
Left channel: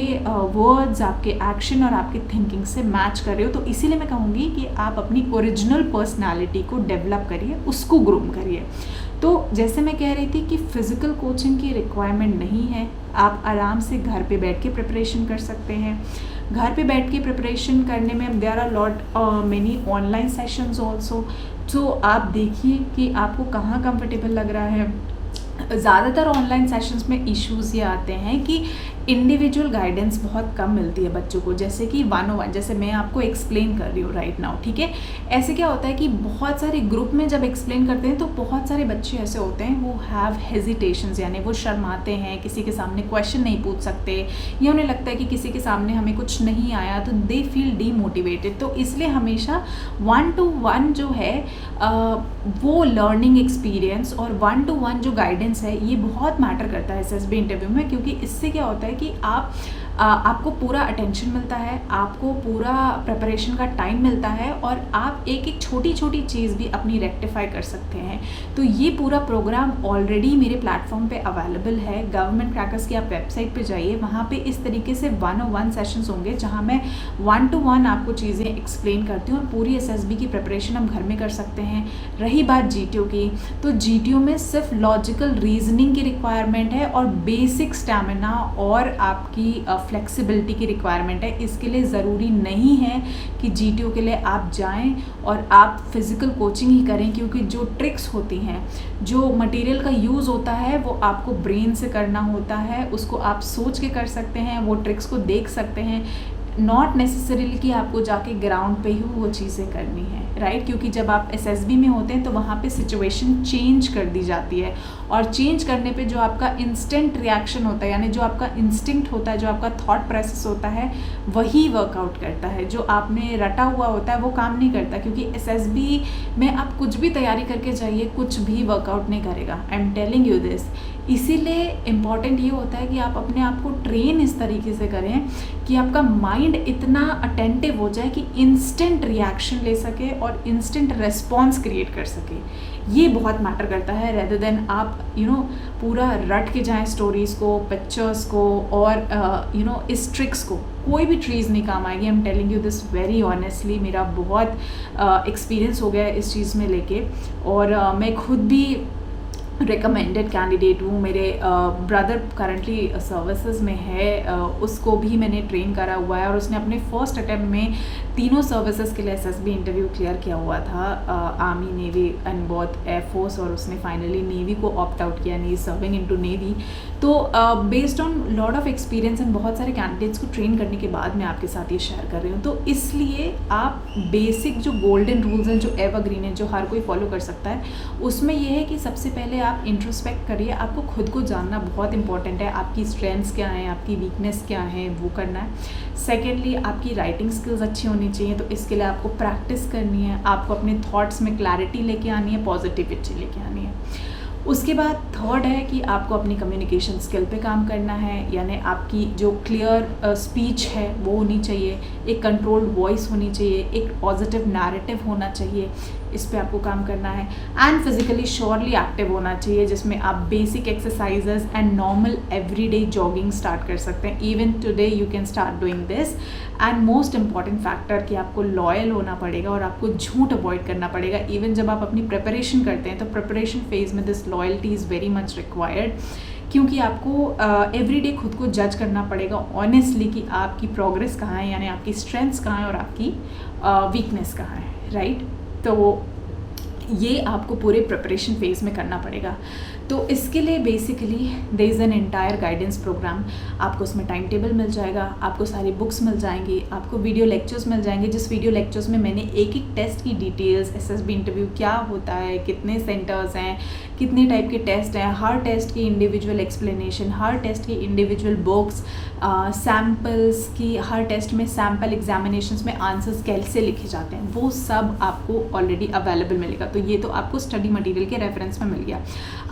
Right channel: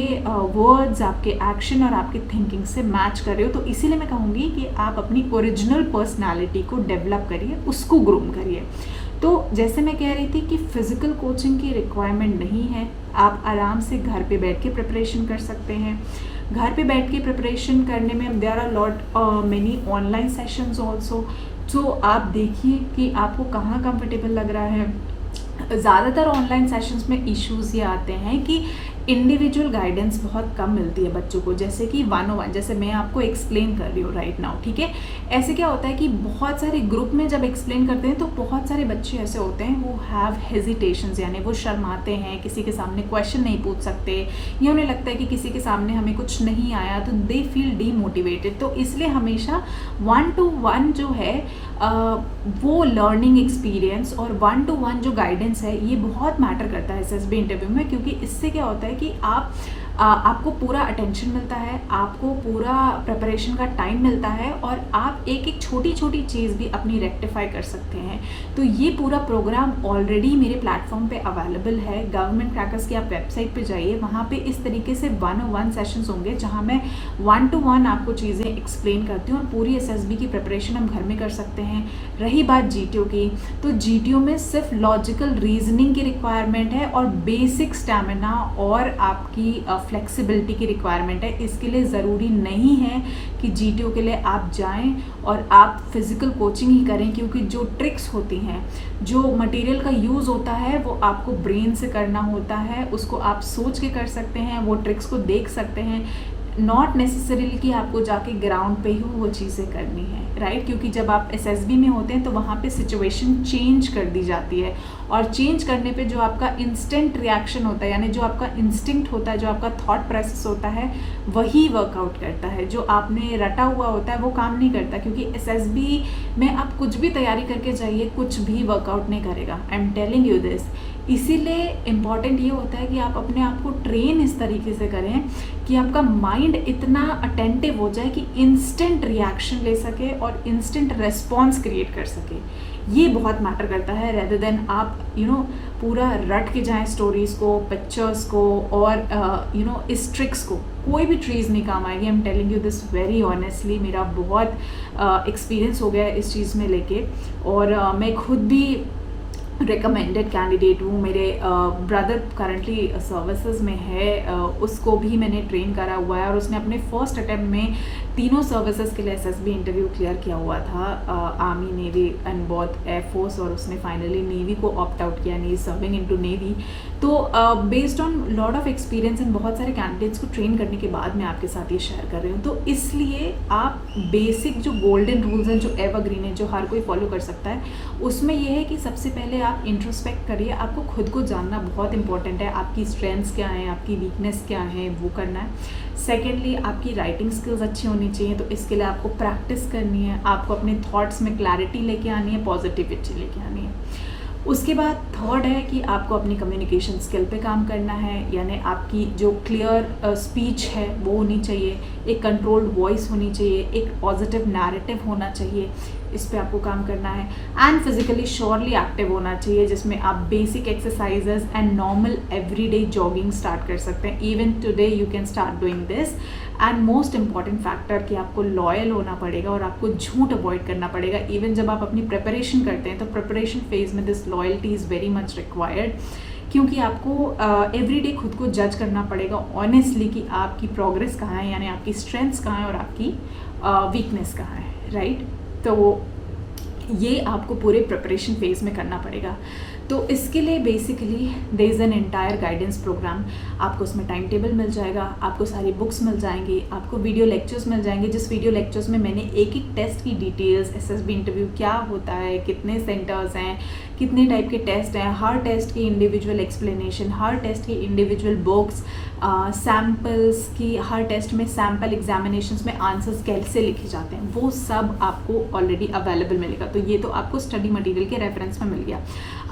वर्ड्स, आपके एक्शन और आपके थिंकिंग से मैच कर रहे हो। तो इसीलिए मैं कहूँगी कि आप अपनी ओरिजिनल पर्सनालिटी को डेवलप करिए, उसको ग्रूम करिए। तो जैसे मैं कह रही थी कि फिज़िकल कोचिंग की रिक्वायरमेंट नहीं है, आप आराम से घर पे बैठ के प्रिपरेशन कर सकते हैं। घर पे बैठ के प्रिपरेशन करने में there are lot many online sessions also. तो आप देखिए कि आपको कहाँ कंफर्टेबल लग रहा है। ज़्यादातर ऑनलाइन सेशंस में इश्यूज़ ये आते हैं कि इंडिविजुअल गाइडेंस बहुत कम मिलती है बच्चों को, जैसे कि 101, जैसे मैं आपको एक्सप्लेन कर रही हूँ राइट नाउ, ठीक है। ऐसे क्या होता है कि बहुत सारे ग्रुप में जब एक्सप्लेन करते हैं तो बहुत सारे बच्चे ऐसे होते हैं वो हैव हेजिटेशंस, यानी वो शर्माते हैं, किसी के सामने क्वेश्चन नहीं पूछ सकते, या उन्हें लगता है कि किसी के सामने हमें कुछ नहीं आया, तो दे फील डीमोटिवेटेड। तो इसलिए हमेशा 1-to-1 जो है वो लर्निंग एक्सपीरियंस और 1-to-1 जो गाइडेंस है ये बहुत मैटर करता है एसएसबी इंटरव्यू में, क्योंकि इससे क्या होता है कि आपको पूरा अटेंशन मिलता है, आपको पूरा प्रिपरेशन का टाइम मिलता है और आप एक एक छोटी छोटी चीज़ भी अपनी रेक्टिफाई कर सकते हैं। तो ये पूरा प्रोग्राम ऑलरेडी मेरे प्लेटफॉर्म पे अवेलेबल है, गवर्नमेंट क्रैकर्स की आप वेबसाइट पे जाइए, वहाँ पे इस तरीके से 101 सेशंस होंगे जहाँ मैं 1-to-1 आपको चीज़ें एक्सप्लेन करती हूँ और पूरी एसएसबी की प्रिपरेशन हम घर में कर सकते हैं। रही बात जीटीओ की, तो जीटीओ में सिर्फ लॉजिकल रीजनिंग की रिक्वायरमेंट है और बेसिक स्टैमिना और आपकी फ्लेक्सिबिलिटी की रिक्वायरमेंट है। इसके लिए ज़रूरी नहीं है कि जीटीओ के लिए आप जाएं और आप फिज़िकल कोचिंग ही करें, क्योंकि जो ट्रिक्स होती हैं, जो मटेरियल का यूज़ होता है वो आपको ब्रेन से करना होता है, उसको आप सोच के कर सकते हैं, वो ट्रिक्स को देख सकते हैं, नॉट नेसेसरीली कि आपको जाके ग्राउंड पे ही वो चीज़ें करनी है, राइट। क्योंकि जब आप एसएसबी में होते हैं तो वहाँ पे सिचुएशन चेंज कर दी जाती है और चेंज करने पे जो आपका इंस्टेंट रिएक्शन होता है, यानी जो आपका इंस्टिंक्ट होता है, जो आपका थॉट प्रोसेस होता है, वही वर्कआउट करता है। जो आपने रटा हुआ होता है वो काम नहीं करता, क्योंकि एसएसबी में आप कुछ भी तैयारी करके जाइए, कुछ भी वर्कआउट नहीं करेगा। I am telling you this. इसीलिए इम्पॉर्टेंट ये होता है कि आप अपने आप को ट्रेन इस तरीके से करें कि आपका माइंड इतना अटेंटिव हो जाए कि इंस्टेंट रिएक्शन ले सके और इंस्टेंट रेस्पॉन्स क्रिएट कर सके। ये बहुत मैटर करता है, रेदर देन आप पूरा रट के जाएं स्टोरीज को, पिक्चर्स को और इस ट्रिक्स को। कोई भी ट्रीज नहीं काम आएगी। I am telling you this very honestly. मेरा बहुत एक्सपीरियंस हो गया इस चीज़ में लेके, और मैं खुद भी रिकमेंडेड कैंडिडेट हूँ। मेरे ब्रदर करंटली सर्विसेज में है, उसको भी मैंने ट्रेन करा हुआ है और उसने अपने फर्स्ट अटेम्प्ट में तीनों सर्विसेज के लिए एसएसबी इंटरव्यू क्लियर किया हुआ था, army, navy and both air force, और उसने फाइनली नेवी को ऑप्ट आउट किया, यानी सर्विंग इनटू नेवी। तो based on lot of experience and बहुत सारे कैंडिडेट्स को ट्रेन करने के बाद मैं आपके साथ ये शेयर कर रही हूँ। तो इसलिए आप बेसिक जो गोल्डन रूल्स हैं, जो एवरग्रीन है, जो हर कोई फॉलो कर सकता है, उसमें ये है कि सबसे पहले आप इंट्रोस्पेक्ट करिए। आपको खुद को जानना बहुत इंपॉर्टेंट है। आपकी स्ट्रेंथ्स क्या हैं, आपकी वीकनेस क्या है, वो करना है। सेकेंडली, आपकी राइटिंग स्किल्स अच्छी होनी चाहिए, तो इसके लिए आपको प्रैक्टिस करनी है। आपको अपने थॉट्स में क्लैरिटी लेके आनी है, पॉजिटिविटी लेके आनी है। उसके बाद थर्ड है कि आपको अपनी कम्युनिकेशन स्किल पे काम करना है, यानी आपकी जो क्लियर स्पीच है वो होनी चाहिए, एक कंट्रोल्ड वॉइस होनी चाहिए, एक पॉजिटिव नैरेटिव होना चाहिए, इस पे आपको काम करना है। एंड फिजिकली श्योरली एक्टिव होना चाहिए, जिसमें आप basic exercises and normal everyday jogging start कर सकते हैं। Even today you can start doing this. And most important factor कि आपको लॉयल होना पड़ेगा और आपको झूठ अवॉइड करना पड़ेगा। इवन जब आप अपनी प्रिपरेशन करते हैं तो प्रिपरेशन फेज में this loyalty is very much required, क्योंकि आपको एवरीडे खुद को जज करना पड़ेगा ऑनेस्टली कि आपकी प्रोग्रेस कहाँ है, यानी आपकी स्ट्रेंथ्स कहाँ है और आपकी वीकनेस कहाँ है, राइट। तो ये आपको पूरे प्रिपरेशन फेज में करना पड़ेगा। तो इसके लिए basically there is an entire guidance programme. आपको उसमें टाइम टेबल मिल जाएगा, आपको सारी बुक्स मिल जाएंगी, आपको वीडियो लेक्चर्स मिल जाएंगे, जिस वीडियो लेक्चर्स में मैंने एक एक टेस्ट की डिटेल्स, एसएसबी इंटरव्यू क्या होता है, कितने सेंटर्स हैं, कितने टाइप के टेस्ट हैं, हर टेस्ट की इंडिविजुअल एक्सप्लेनेशन, हर टेस्ट की इंडिविजुअल बुक्स, सैम्पल्स की, हर टेस्ट में सैम्पल एग्जामिनेशंस में आंसर्स कैसे लिखे जाते हैं, वो सब आपको ऑलरेडी अवेलेबल मिलेगा। तो ये तो आपको स्टडी मटेरियल के रेफरेंस में मिल गया।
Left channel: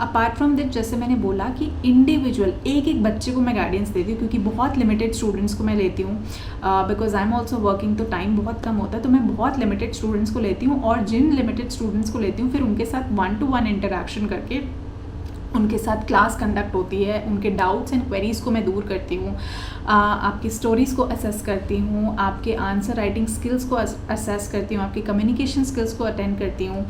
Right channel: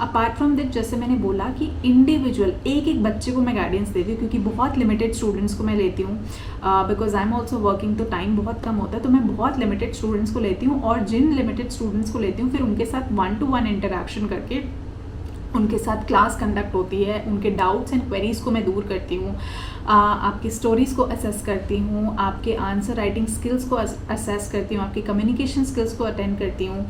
अपार्ट फ्रॉम दैट, जैसे मैंने बोला कि इंडिविजुअल एक एक बच्चे को मैं गाइडेंस देती हूँ, क्योंकि बहुत लिमिटेड स्टूडेंट्स को मैं लेती हूँ, because I am also working, तो टाइम बहुत कम होता है, तो मैं बहुत लिमिटेड स्टूडेंट्स को लेती हूँ। और जिन लिमिटेड स्टूडेंट्स को लेती हूँ फिर उनके साथ 1-to-1 इंटरेक्शन करके उनके साथ क्लास कंडक्ट होती है, उनके डाउट्स एंड क्वेरीज को मैं दूर करती हूँ। आपकी स्टोरीज़ को असेस करती हूँ, आपके आंसर राइटिंग स्किल्स को असेस करती हूँ, आपकी कम्युनिकेशन स्किल्स को अटेंड करती हूँ।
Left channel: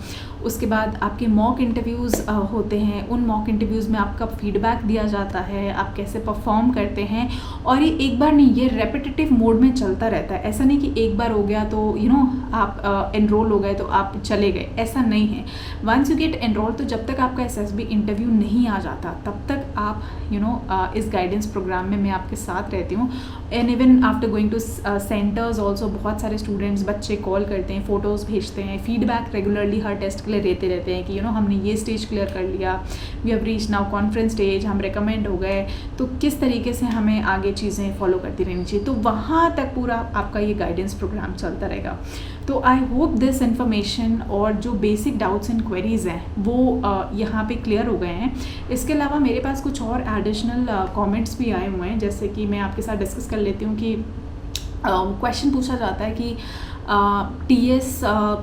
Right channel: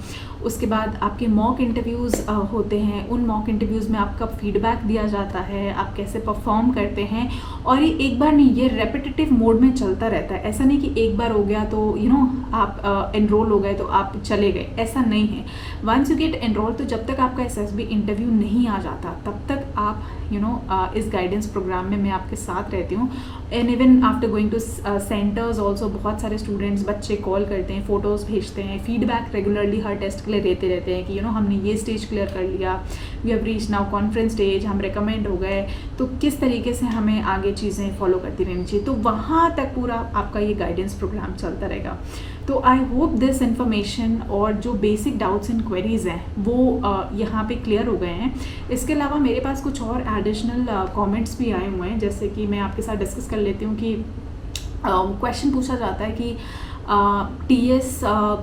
उसके बाद आपके मॉक इंटरव्यूज़ होते हैं, उन मॉक इंटरव्यूज़ में आपका फीडबैक दिया जाता है, आप कैसे परफॉर्म करते हैं। और ये एक बार नहीं, ये रेपिटेटिव मोड में चलता रहता है। ऐसा नहीं कि एक बार हो गया तो आप एनरोल हो गए तो आप चले गए, ऐसा नहीं है। वंस यू गेट एनरोल, तो जब तक आपका SSB इंटरव्यू नहीं आ जाता तब तक आप इस गाइडेंस प्रोग्राम में मैं आपके साथ रहती हूँ। And even after going two centres also बहुत सारे स्टूडेंट्स, बच्चे कॉल करते हैं, फ़ोटोज़ भेजते हैं, फीडबैक रेगुलरली हर टेस्ट के लिए देते रहते हैं कि हमने ये स्टेज क्लियर कर लिया, we have reach now conference stage, हम रिकमेंड हो गए, तो किस तरीके से हमें आगे चीज़ें फॉलो करती रहनी चाहिए। तो वहाँ तक पूरा आपका ये गाइडेंस प्रोग्राम चलता रहेगा। तो आई होप दिस इन्फॉर्मेशन और जो बेसिक डाउट्स एंड क्वेरीज़ हैं वो यहाँ पे क्लियर हो गए हैं। इसके अलावा मेरे पास कुछ और एडिशनल कमेंट्स भी आए हुए हैं, जैसे कि मैं आपके साथ डिस्कस कर लेती हूँ कि क्वेश्चन पूछा जाता है कि TS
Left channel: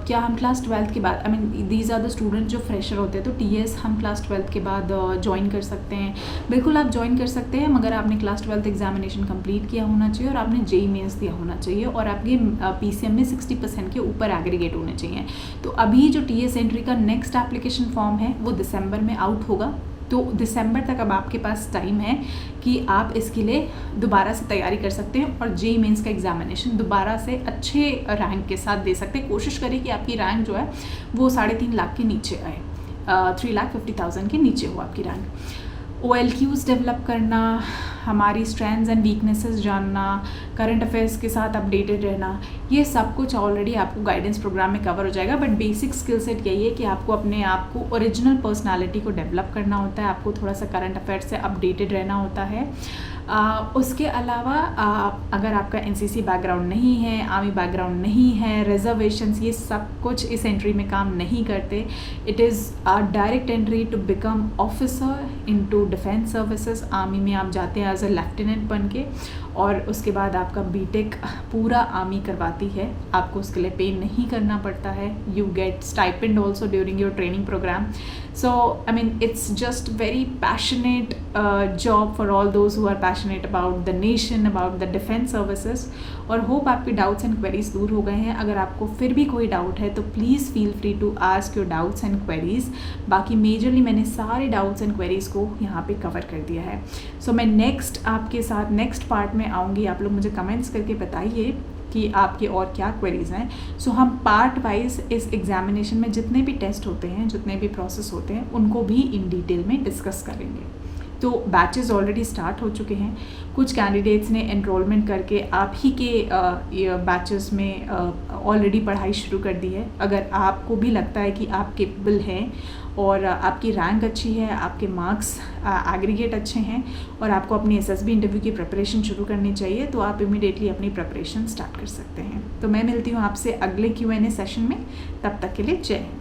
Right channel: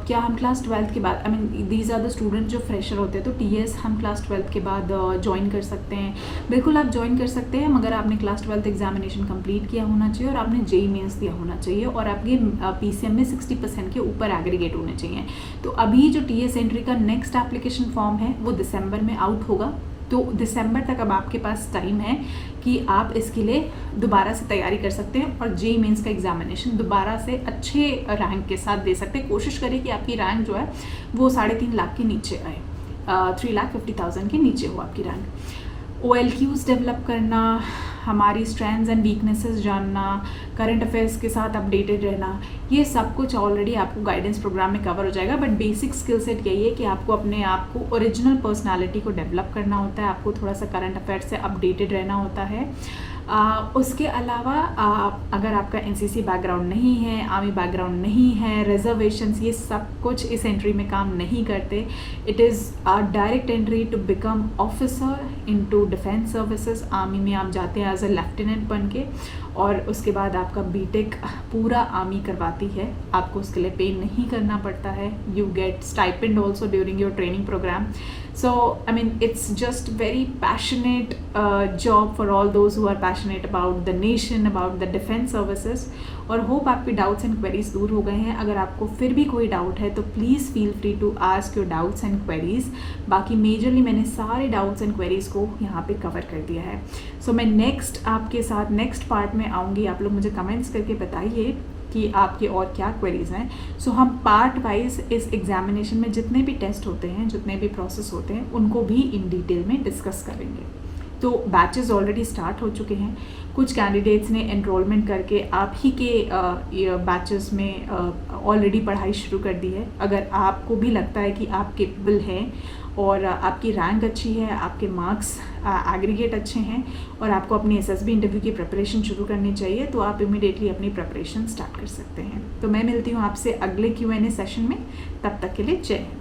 क्या हम क्लास 12 के बाद, I mean these are the student जो फ्रेशर होते हैं, तो TS हम क्लास 12 के बाद ज्वाइन कर सकते हैं। बिल्कुल आप ज्वाइन कर सकते हैं, मगर आपने क्लास 12 एग्जामिनेशन कंप्लीट किया होना चाहिए और आपने JEE मेंस दिया होना चाहिए और आपके PCM में 60% के ऊपर एग्रीगेट होने चाहिए। तो अभी जो TS एंट्री का नेक्स्ट एप्लीकेशन फॉर्म है वो दिसंबर में आउट होगा, तो दिसंबर तक अब आपके पास टाइम है कि आप इसके लिए दोबारा से तैयारी कर सकते हैं और JEE मेंस का एग्जामिनेशन दोबारा से अच्छे रैंक के साथ दे सकते हैं। कोशिश करिए कि आपकी रैंक जो है वो 3.5 लाख के नीचे आए, 3,50,000 के नीचे हो आपकी रैंक। OLQs डेवलप करना, हमारी स्ट्रेंथ्स एंड वीकनेसेस जानना, करंट अफेयर्स के साथ अपडेटेड रहना, ये सब कुछ ऑलरेडी आपको गाइडेंस प्रोग्राम में कवर हो जाएगा। बट बेसिक स्किल सेट यही है कि आपको अपने आप को ओरिजिनल पर्सनालिटी को डेवलप करना होता है, आपको थोड़ा सा करंट अफेयर्स से अपडेटेड रहना होता है। उसके अलावा अगर आपका NCC बैकग्राउंड नहीं है, आर्मी बैकग्राउंड नहीं है, रिजर्वेशंस, ये सब कुछ इस एंट्री में काम नहीं करते। It is direct entry to become officer into defence services. Army में आप जाते हैं एज अ लेफ्टिनेंट बन के और उसके बाद आपका BTech पूरा आर्मी करवाती है, आपको उसके लिए पे नहीं करना पड़ता है। You get stipend also during your training programme. So I mean it's just very passionate job for all those who are passionate about the nation, about the defense services। और होप आपके डाउट्स एंड क्वेरीज दूर हो गए हैं। अगर आपको फिर भी कोई डाउट है तो please feel free to ask your doubts and queries. बाकी मेजरली मैंने सारे डाउट्स एंड क्वेरीज को यहाँ पे कवर कर दिया है। सो मैं नेक्स्ट आपके साथ नेक्स्ट पार्ट में आऊँगी। आप लोग मुझे कमेंट्स करके बताइए कि आपके और क्या क्वेरीज हैं। सो हम पार्ट वाइज इस एग्जामिनेशन में जितने भी टेस्ट होते हैं, जितने भी प्रोसेस होते हैं, उनको भी इन डिटेल में डिस्कस करेंगे। तो बैचेस ऑलरेडी स्टार्ट हो चुके हैं। कुछ कैंडिडेट्स ने एनरोलमेंट करके आप ही के बैचेस में ऑलरेडी पढ़ाई शुरू कर दी है। अगर आपको भी लगता है कि आप केपेबल हैं और आपकी रैंक अच्छी है, आपके मार्क्स एग्रीगेट अच्छे हैं और आपको अपनी SSB इंटरव्यू की प्रिपरेशन शुरू करनी चाहिए, तो आप इमीडिएटली अपनी प्रिपरेशन स्टार्ट कर सकते हैं। तो मैं मिलती हूँ आपसे अगले Q&A सेशन में। तब तक के लिए जय हिंद।